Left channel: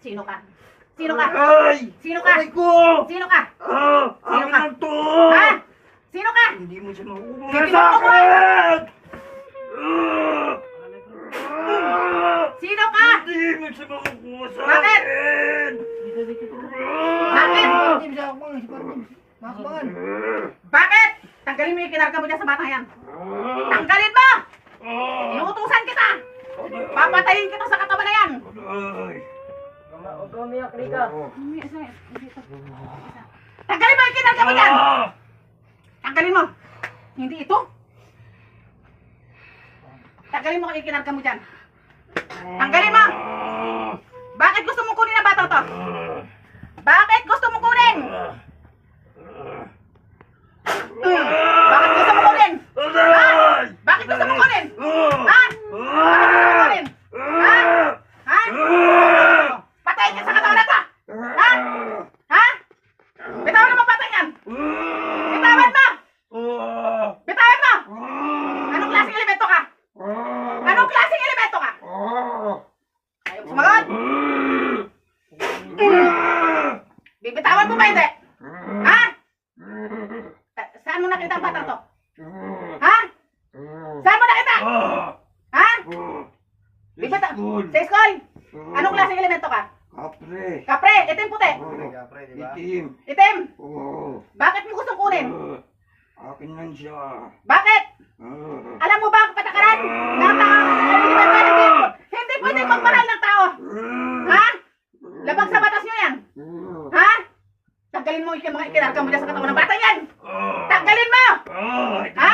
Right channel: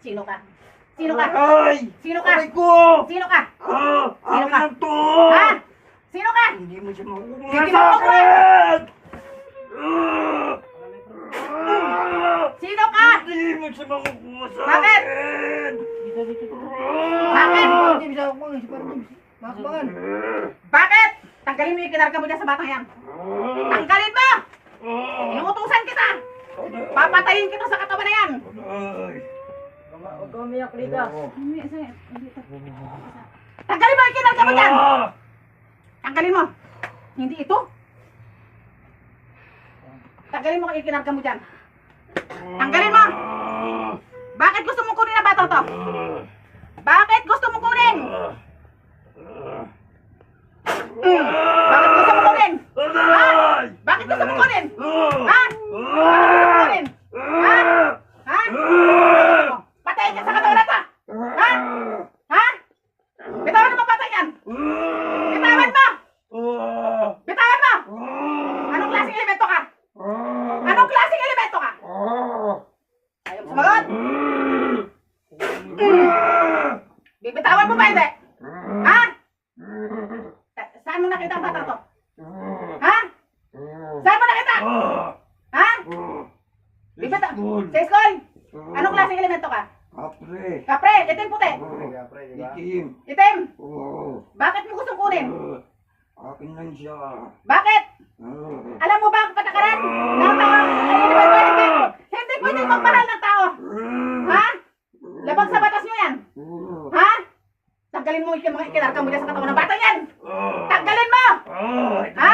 Sino ka? Sino ka? Ay! Sino ka? Aray ko! Sino ka? Ah! Sino Akin ka? lang to! Ha? Sino ka? Hindi mo siya makukuha sa akin! Ah! Ah! Sino ka? Hindi mo siya makukuha sa Bakit? akin! Bakit? Ah! Bakit? Tanggalin mo yung kinarga mo dyan sa batang yan. Tanggalin mo! Ah! Inuutusan kita! Papatayin kita sa katawan na yan! Ay! Huwag ka umiyak, Rika. Tanggalin mo yung kinarga mo dyan! Ah! Tanggalin mo! Hindi ito? Tanggalin mo yung kinarga mo dyan. Tanggalin mo! Ah! Bakit gusto mo kunin ang bata to? Ah! Bakit gusto mo kunin? Ah! Mm. Bakit gusto mo kunin? Aray! Bakit gusto mo kunin? Ah! Ha? Bakit gusto mo kunin? Ha? Ha? Ah! Patayin ka sa katawan na to! Ha? Ha? Bitawan mo patay yan! Bitawan mo! Ah! Bitawan mo! Ah! Anong klaseng elemento ka? Ah! Anong klaseng elemento ka? Ah! Ayaw sumagot? Bibitawan mo ba hindi? Ah! Ha? Sa- Saan mo nakita ang batang to? Ha? Saan mo nakita? Ah! Ha? Bibita. Sa school? Anong klaseng elemento ka? Kapre. Kapre, itim puti. Ah, Itim. Itim. Oo. Bakit mo gustong kunin? Akin lang siya. Bakit? Alam mo ba ang patakaran ng tao? Elemento ng tao? Hindi pwedeng magparal ng tao. Ha? Labag sa batas nyo yan. Ha? Tanggalin mo yung mga ikinarka mo dyan sa katawan ng bata yan. Ah. Tanggalin mo! Ah, Ha?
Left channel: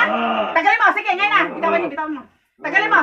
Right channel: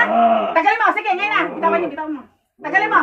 Tanggalin mo. Sige, ngayon na. Bitawan niyo, bitawan mo. Tanggalin mo.